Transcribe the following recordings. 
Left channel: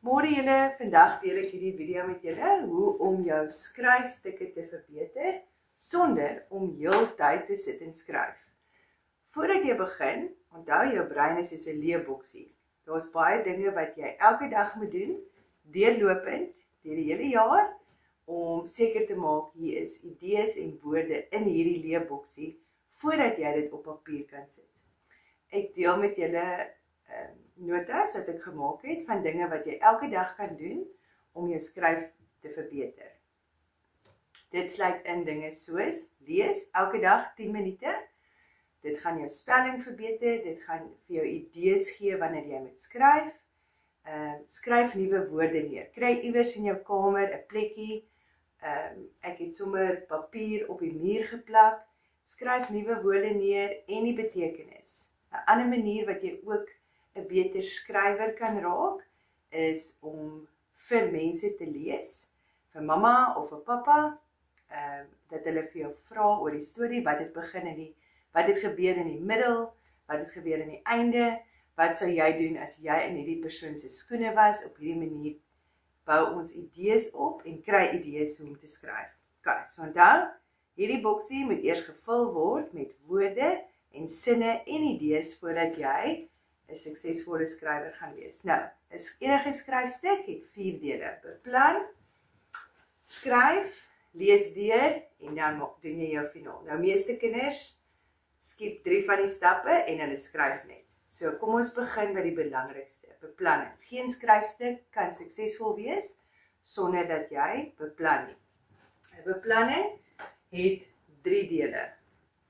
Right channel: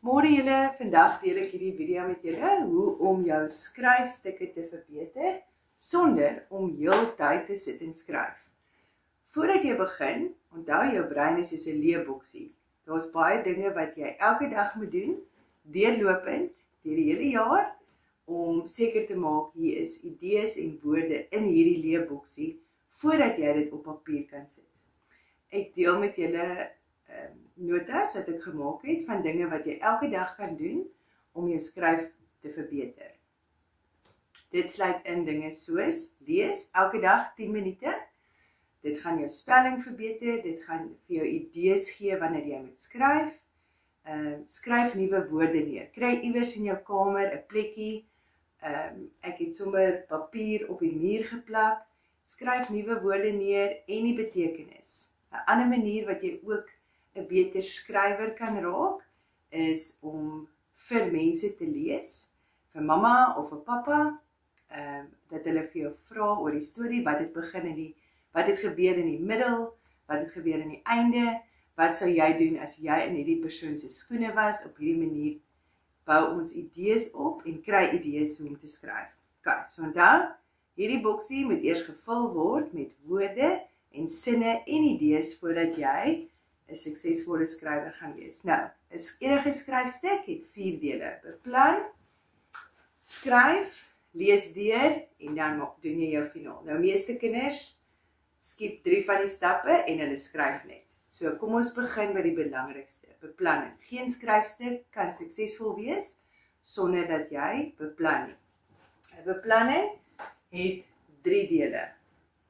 Môre julle, vandag deel ek hierdie video met julle hoe om jou skryfstukke te verbeter sonder om heeltyd te sit en skryf. Voordat jy begin, onthou jou brein is soos 'n leeboksie. Daar's baie dinge wat jy elke dag moet doen, deurlopend deur die hele jaar om seker te maak hier is idees en woorde in hierdie leeboksie voordat jy dit op papier kan sit. Ek deel met julle notas wat ek gemaak het van dinge wat jy elke dag kan doen om jou skryf te verbeter. Dit sluit in dinge soos lees elke dag 10 minute. Dit gaan jou spelling verbeter, dit gaan vir jou idees gee wanneer jy moet skryf. Skryf nuwe woorde neer. Kry iewers in jou kamer 'n plekkie. Ek het sommer papier op die muur geplak. Skryf nuwe woorde neer en die betekenis. 'n Ander manier wat jy ook 'n beter skrywer kan raak, is om vir mense te lees, vir mamma of vir pappa, dat hulle vir jou vra oor die storie, wat het gebeur in die middel, wat het gebeur in die einde, wat sou jy doen as jy in hierdie persoon se skoene was. Op hierdie manier bou ons idees op en kry idees hoe om te skryf. Okay, so onthou, hierdie boksie moet eers gevul word met woorde en sinne en idees voordat jy 'n suksesvolle skrywer gaan wees. Nou, enige skryfstuk het 4 dele. Beplan, skryf, lees deur en dan doen jy jou finaal. Nou, meeste kinders skiep 3 van die stappe en hulle skryf net. So, kom ons begin by die belangrikste, beplanning. Geen skryfstuk kan suksesvol wees sonder dat jy beplan nie. 'n Beplanning het 3 dele.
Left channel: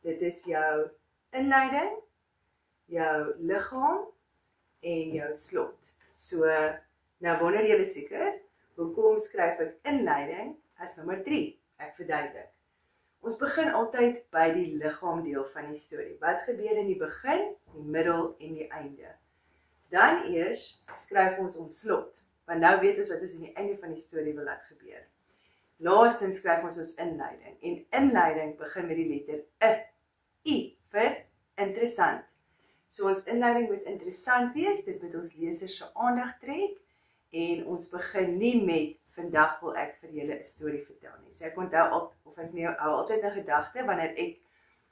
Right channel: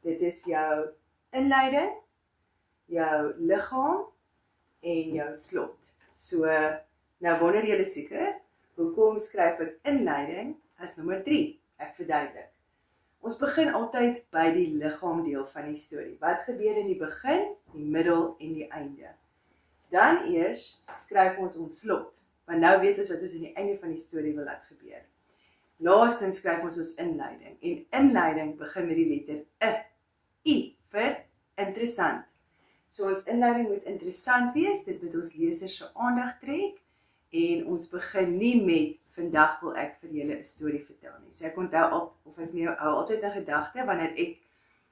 Dit is jou inleiding, jou liggaam en jou slot. So, nou wonder julle seker, hoekom skryf ek inleiding as nommer 3? Ek verduidelik. Ons begin altyd by die liggaamdeel van die storie. Wat gebeur in die begin, die middel en die einde? Dan eers skryf ons slot, want nou weet ons wat ons in die einde van die storie wil laat gebeur. Laastens skryf ons inleiding, en inleiding begin met die letter I vir interessant. So ons inleiding moet interessant wees, dit moet ons lesers se aandag trek, en ons begin nie met, vandag wil ek vir julle 'n storie vertel nie. So ek onthou, hou altyd 'n gedagte, wanneer ek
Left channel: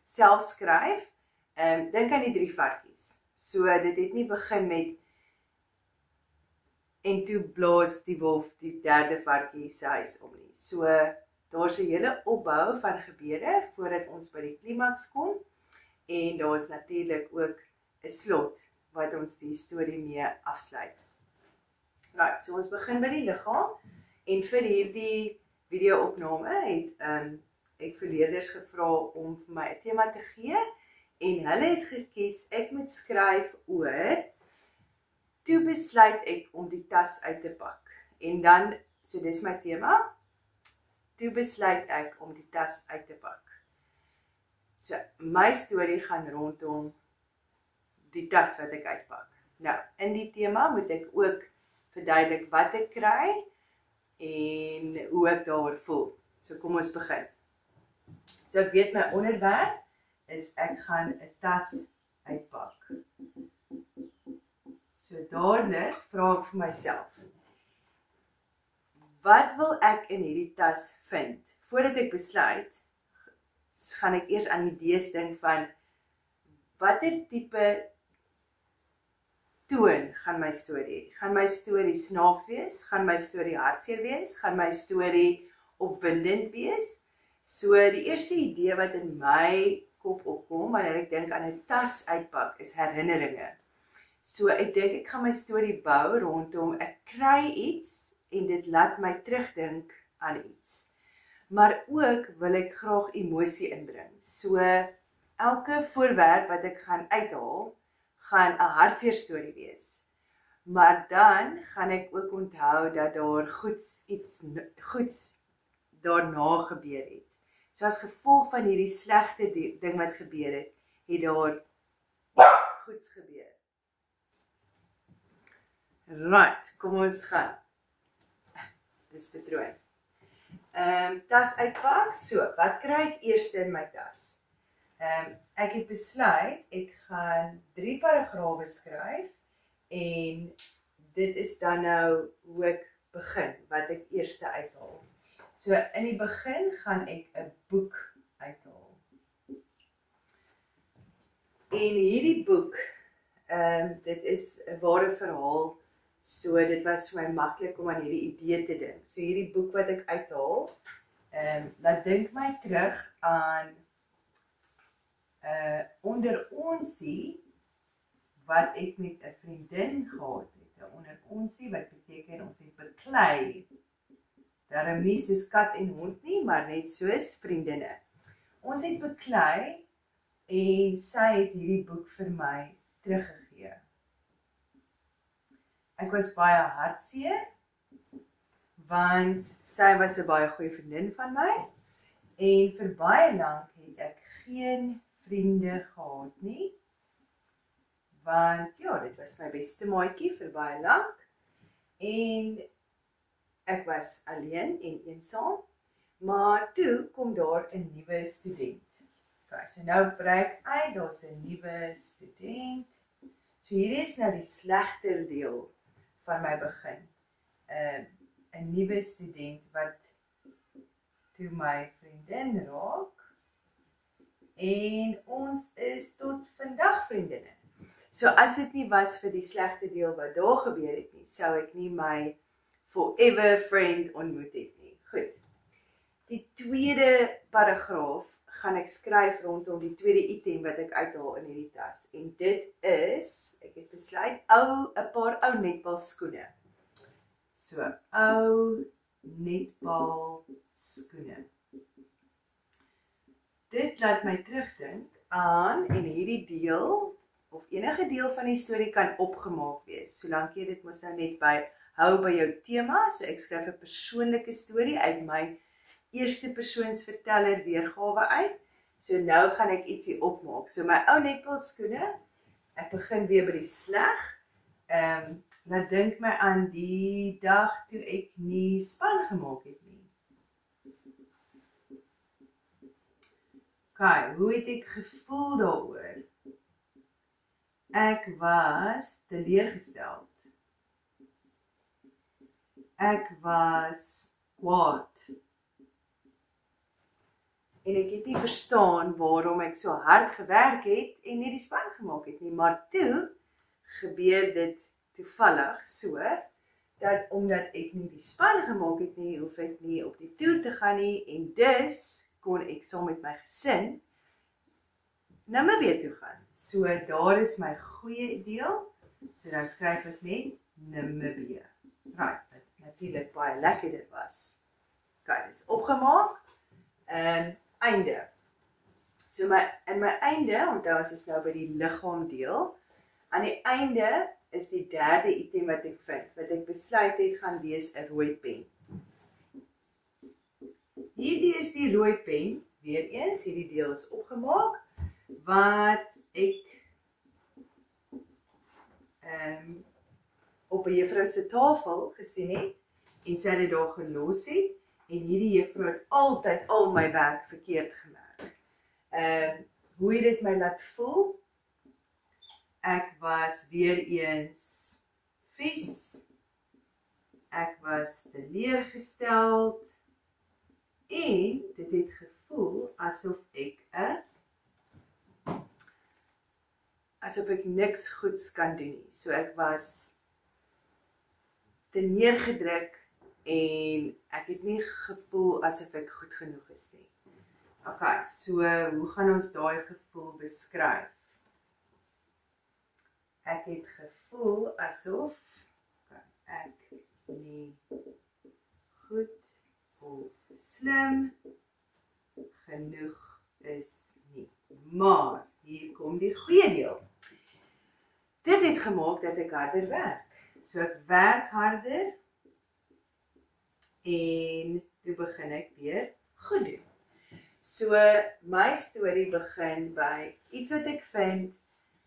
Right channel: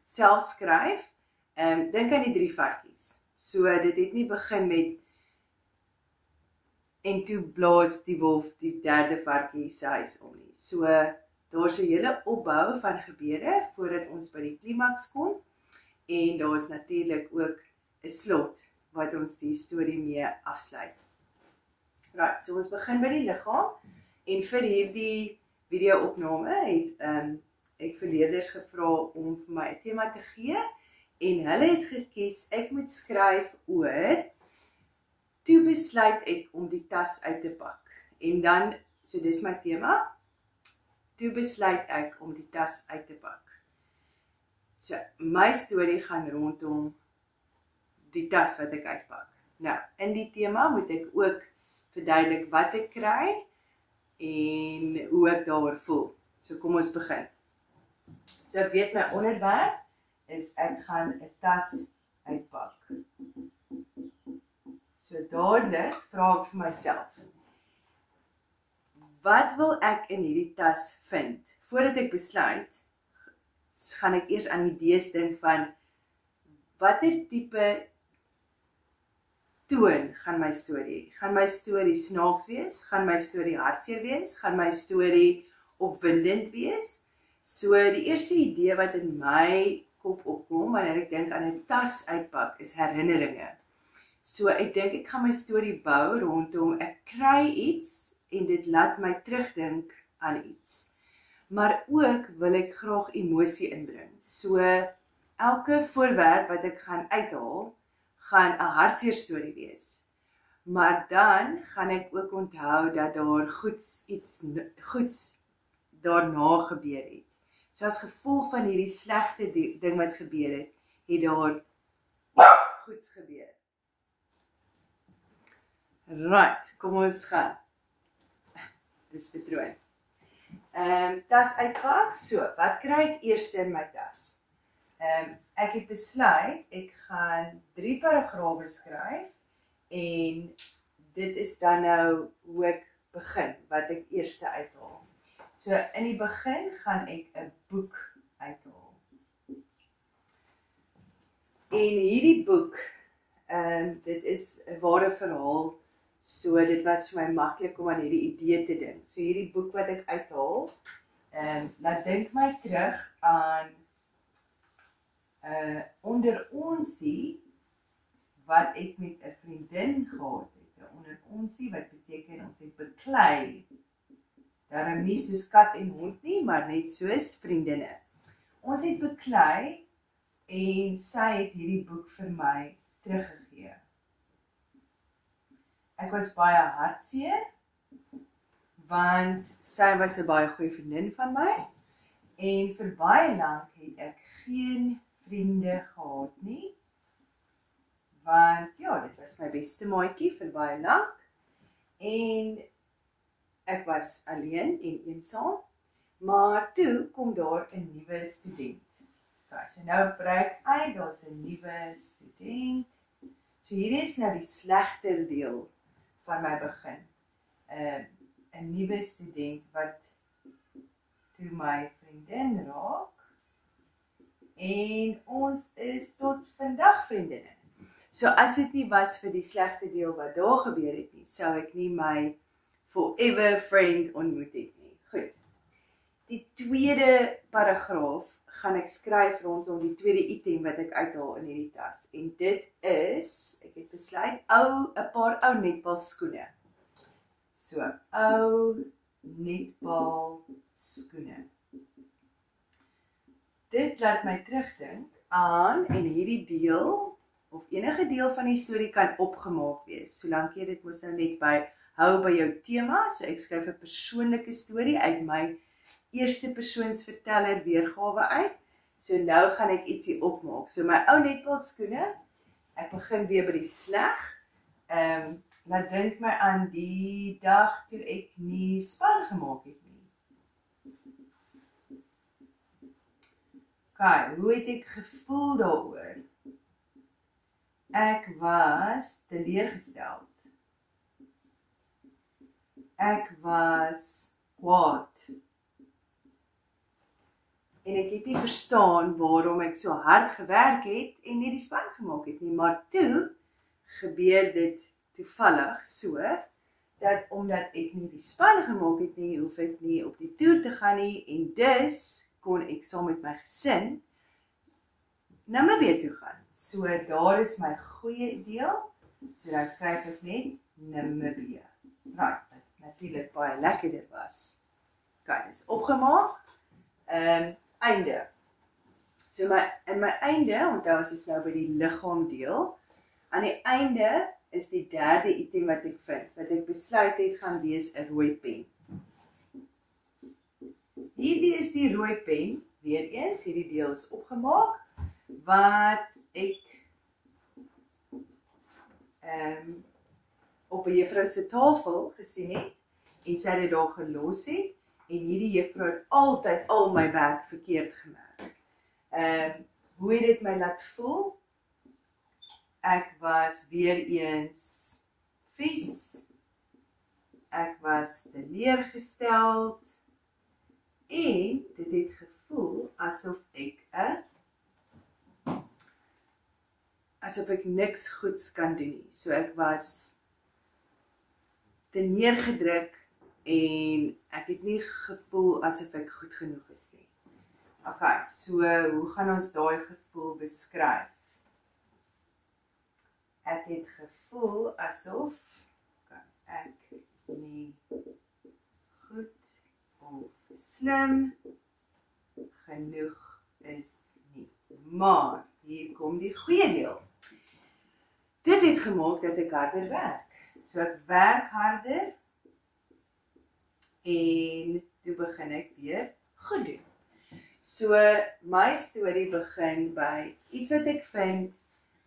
self skryf, dink aan die 3 varkies. So dit het nie begin met, en toe blaas die wolf die 3de varkie se huis om nie. So daar's 'n hele opbou van gebeure, voordat ons by die klimaks kom, en daar is natuurlik ook 'n slot, wat ons die storie mee afsluit. Right, so ons begin by die liggaam, en vir hierdie video-opname het ek vir leerders gevra om vir my 'n tema te gee, en hulle het gekies, ek moet skryf oor, toe besluit ek om die tas uit te pak. En dan, so dis my tema, toe besluit ek om die tas uit te pak. So, my storie gaan rondom die tas wat ek uitpak. Nou, in die tema moet ek ook verduidelik wat ek kry, en hoe ek daaroor voel. So kom ons begin. So ek weet my onderwerp is ek gaan 'n tas uitpak. So dadelik vra ek vir myself, wat wil ek in hierdie tas vind? Voordat ek besluit, gaan ek eers aan idees dink van, watter tipe toon gaan my storie? Gaan my storie snaaks wees? Gaan my storie hartseer wees? Gaan my storie opwindend wees? So die eerste idee wat in my kop opkom, wanneer ek dink aan 'n tas uitpak, is herinneringe. So ek dink ek gaan my storie bou rondom, ek kry iets, en dit laat my terugdink aan iets. Maar ook wil ek graag emosie inbring. So elke voorwerp wat ek gaan uithaal, gaan 'n hartseer storie wees. Maar dan gaan ek ook onthou dat daar iets goeds daarna gebeur het. So as gevolg van hierdie slegte ding wat gebeur het, het daar iets goeds gebeur. Right, kom ons gaan. Dis patroon. Tas uitpak, so, wat kry ek eers in my tas? Ek het besluit, ek gaan 3 paragrawe skryf, en dit is dan nou hoe ek begin, wat ek eers uithaal. So in die begin gaan ek 'n boek uithaal. En hierdie boek, dit is 'n ware verhaal, so dit was vir my maklik om aan hierdie idee te dink. So hierdie boek wat ek uithaal, laat dink my terug aan onder onsie wat ek met 'n vriendin gehad het. Onder onsie wat beteken ons het beklei. Daarom nie soos kat en hond nie, maar net soos vriendinne. Ons het beklei en sy het hierdie boek vir my teruggegee. Ek was baie hartseer, want sy was 'n baie goeie vriendin van my, en vir baie lank het ek geen vriende gehad nie, want ja, dit was my beste maatjie vir baie lank, en ek was alleen en eensaam, maar toe kom daar 'n nuwe student. Okay, so nou breek uit, daar's 'n nuwe student. So hierdie is nou die slegter deel van my begin. 'n Nuwe student wat toe my vriendin raak, en ons is tot vandag vriendinne. So as dit nie was vir die slegte deel wat daar gebeur het nie, sou ek nie my forever friend ontmoet het nie. Goed. Die tweede paragraaf gaan ek skryf rondom die tweede item wat ek uithaal in hierdie tas. En dit is, ek het besluit, 'n paar ou netbalskoene. So, ou netbalskoene. Dit laat my terugdink aan, en hierdie deel, of enige deel van die storie kan opgemaak wees, solank jy dit mos nou net hou by jou tema. So ek skryf 'n persoonlike storie uit my eerste persoons verteller weergawe uit. So nou gaan ek ietsie opmaak. So my ou netbalskoene, ek begin weer by die sleg. Laat dink my aan die dag toe ek nie span gemaak het nie. Okay, hoe het ek gevoel daaroor? Ek was teleurgesteld. Ek was kwaad. En ek het nie verstaan waarom ek so hard gewerk het en nie die span gemaak het nie. Maar toe gebeur dit toevallig so, dat omdat ek nie die span gemaak het nie, hoef ek nie op die toer te gaan nie, en dus kon ek saam met my gesin Namibië toe gaan. So daar is my goeie deel, so dan skryf ek net Namibië. Right, wat natuurlik baie lekkerder was. Okay, dis opgemaak. Einde. So in my einde, onthou ons is nou by die liggaam deel, aan die einde is die derde item wat ek vind, wat ek besluit het gaan wees 'n rooi pen. Hierdie is die rooi pen, weer eens, hierdie deel is opgemaak, wat ek op 'n juffrou se tafel gesien het, en sy het dit daar gelos het, en hierdie juffrou het altyd al my werk verkeerd gemerk. Hoe het dit my laat voel? Ek was weer eens vies, ek was teleurgesteld, en dit het gevoel asof ek niks goeds kan doen nie. So ek was te neergedruk, en ek het nie gevoel asof ek goed genoeg is nie. Okay, so hoe gaan ons daai gevoel beskryf? Ek het gevoel asof ek nie goed of slim genoeg is nie. Maar hier kom die goeie deel. Dit het gemaak dat ek harder werk. So ek werk harder, en toe begin ek weer goed doen. So my storie begin by iets wat ek vind,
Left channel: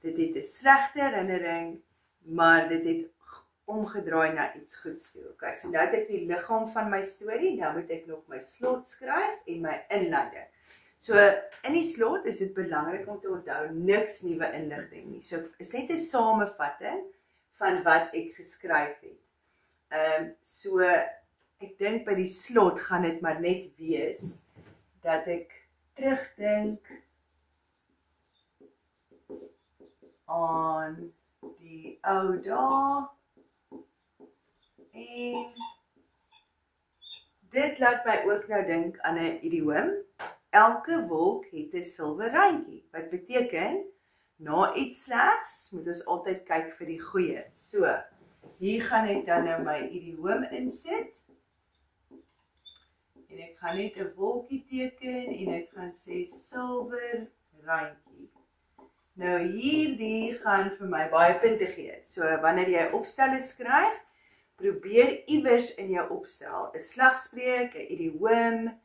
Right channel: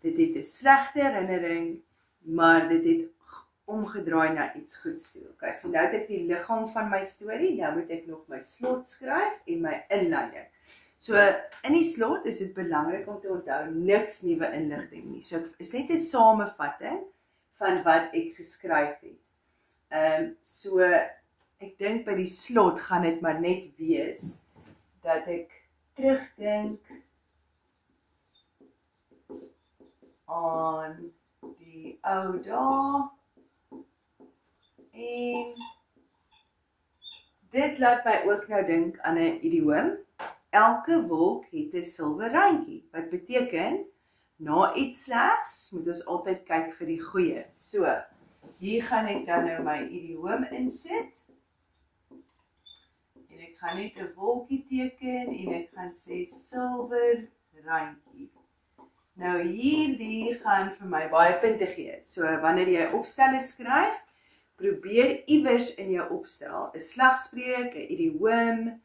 dit het 'n slegte herinnering, maar dit het omgedraai na iets goeds toe. Okay, so nou het ek die liggaam van my storie, nou moet ek nog my slot skryf en my inleiding. So in die slot is dit belangrik om te onthou niks nuwe inligting nie. So is net 'n samevatting van wat ek geskryf het. So ek dink by die slot gaan dit maar net wees dat ek terugdink aan die ou dae en dit laat my ook nou dink aan 'n idioom. Elke wolk het 'n silwer randjie, wat beteken na iets slegs moet ons altyd kyk vir die goeie. So, hier gaan ek dan nou my idioom insit. En ek gaan net 'n wolkie teken en ek gaan sê silwer randjie. Nou hierdie gaan vir my baie punte gee. So wanneer jy opstelle skryf, probeer iewers in jou opstel 'n slagspreuk, 'n idioom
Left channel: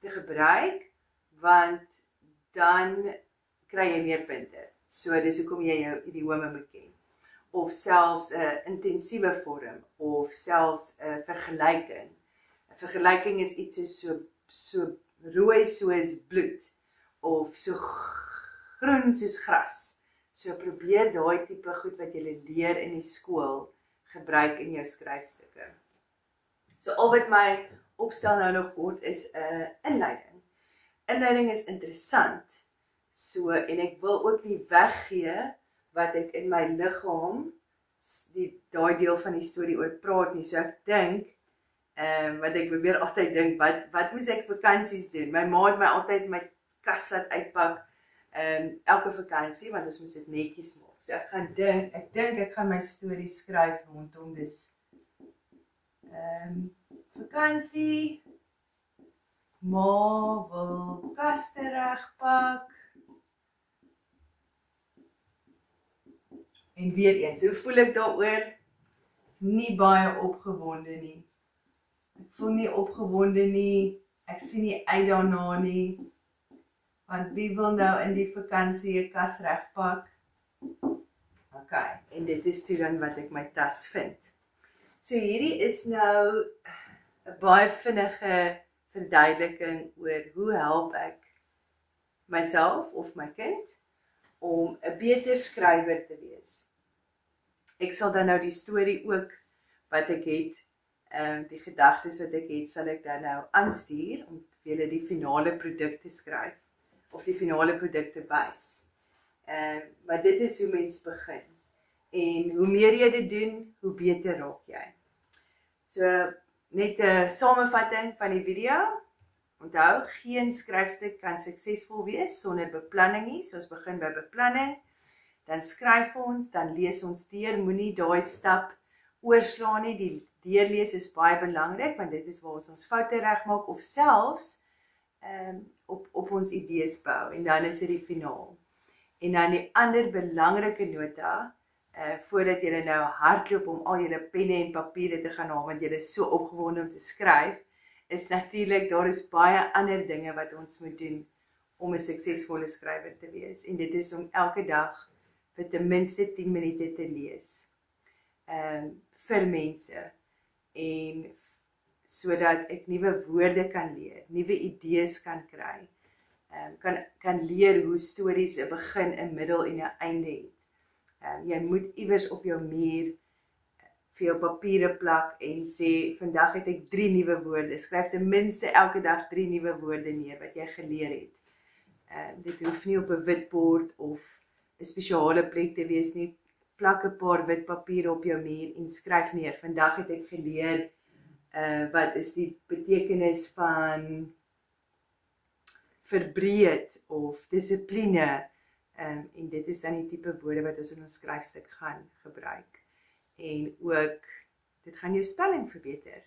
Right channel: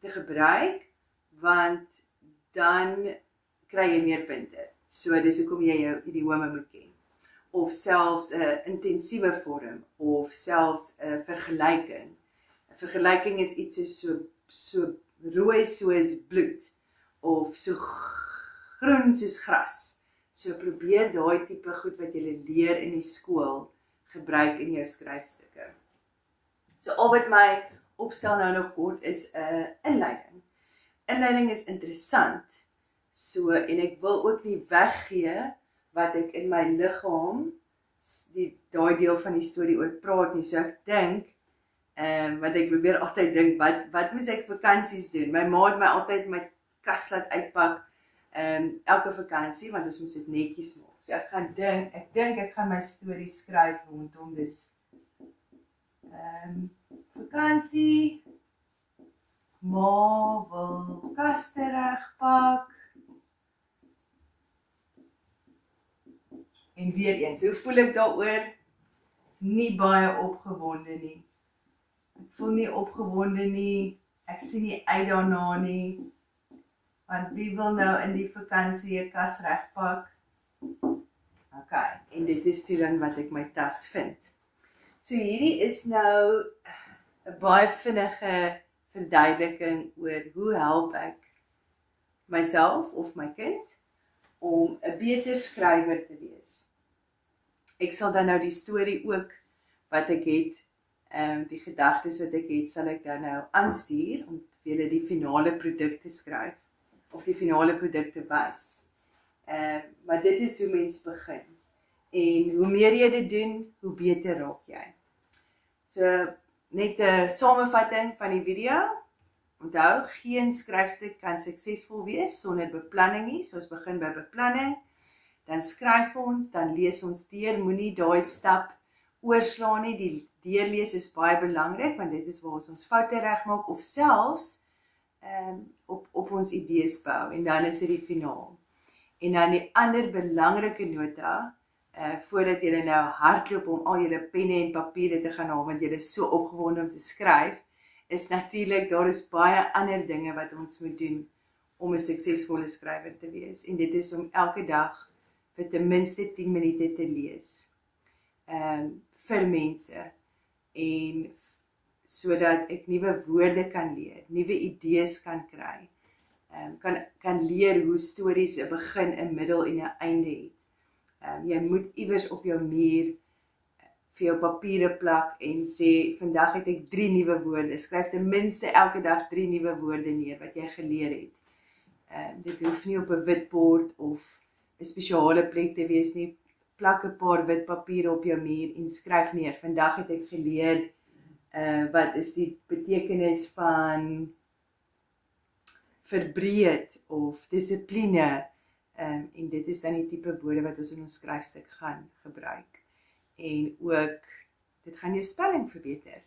te gebruik, want dan kry jy meer punte. So dis hoekom jy jou idiome moet ken. Of selfs 'n intensiewe vorm, of selfs 'n vergelyking. 'n Vergelyking is iets so rooi soos bloed, of so groen soos gras. So probeer daai tipe goed wat jy leer in die skool gebruik in jou skryfstukke. So al wat my opstel nou nog kort is 'n inleiding. Inleiding is interessant. So en ek wil ook nie weggee wat ek in my liggaam daai deel van die storie oor praat nie. So ek dink wat ek probeer altyd dink, wat moes ek vakansies doen? My ma het my altyd my kas laat uitpak elke vakansie, want ons moes dit netjies maak. So ek dink ek gaan my storie skryf rondom dis vakansie, ma wil kaste regpak. En weer eens, hoe voel ek daaroor? Nie baie opgewonde nie. Ek voel nie opgewonde nie, ek sien nie uit daarna nie, want wie wil nou in die vakansie 'n kas regpak? Ok, en dit is toe dan wat ek my tas vind. So hierdie is nou 'n baie vinnige verduideliking oor hoe help ek myself of my kind om 'n beter skrywer te wees. Ek sal dan nou die storie ook wat ek het, die gedagtes wat ek het, sal ek dan nou aanstuur om vir julle die finale produk te skryf of die finale produk te wys. Maar dit is hoe mens begin. En hoe meer jy dit doen, hoe beter raak jy. So net 'n samevatting van die video. Onthou, geen skryfstuk kan suksesvol wees sonder beplanning nie. So ons begin by beplanning, dan skryf ons, dan lees ons deur, moenie daai stap oorslaan nie. Die deurlees is baie belangrik, want dit is waar ons foute regmaak, of selfs op ons idees bou, en dan is dit die finaal. En dan die ander belangrike nota, voordat jy nou hardloop om al julle penne en papiere te gaan haal, want jy is so opgewonde om te skryf, is natuurlik, daar is baie ander dinge wat ons moet doen om 'n suksesvolle skrywer te wees. En dit is om elke dag vir ten minste 10 minute te lees. Vir mense. En sodat ek nuwe woorde kan leer, nuwe idees kan kry. Kan leer hoe stories 'n begin, 'n middel en 'n einde het. Jy moet iewers op jou muur vir jou papiere plak en sê, vandag het ek 3 nuwe woorde. Skryf ten minste elke dag 3 nuwe woorde neer wat jy geleer het. Dit hoef nie op 'n wit bord of 'n spesiale plek te wees nie. Plak 'n paar wit papiere op jou muur en skryf neer. Vandag het ek geleer wat is die betekenis van verbreed of dissipline. En dit is dan die tipe woorde wat ons in ons skryfstuk gaan gebruik. En ook, dit gaan jou spelling verbeter.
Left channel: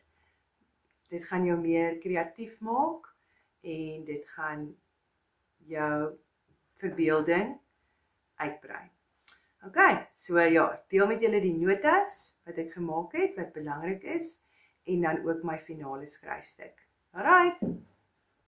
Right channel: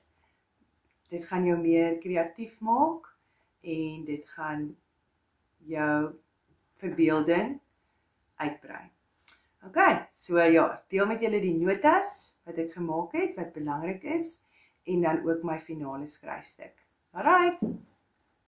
Dit gaan jou meer kreatief maak en dit gaan jou verbeelding uitbrei. Ok, so ja, deel met julle die notas wat ek gemaak het, wat belangrik is, en dan ook my finale skryfstuk. Alright!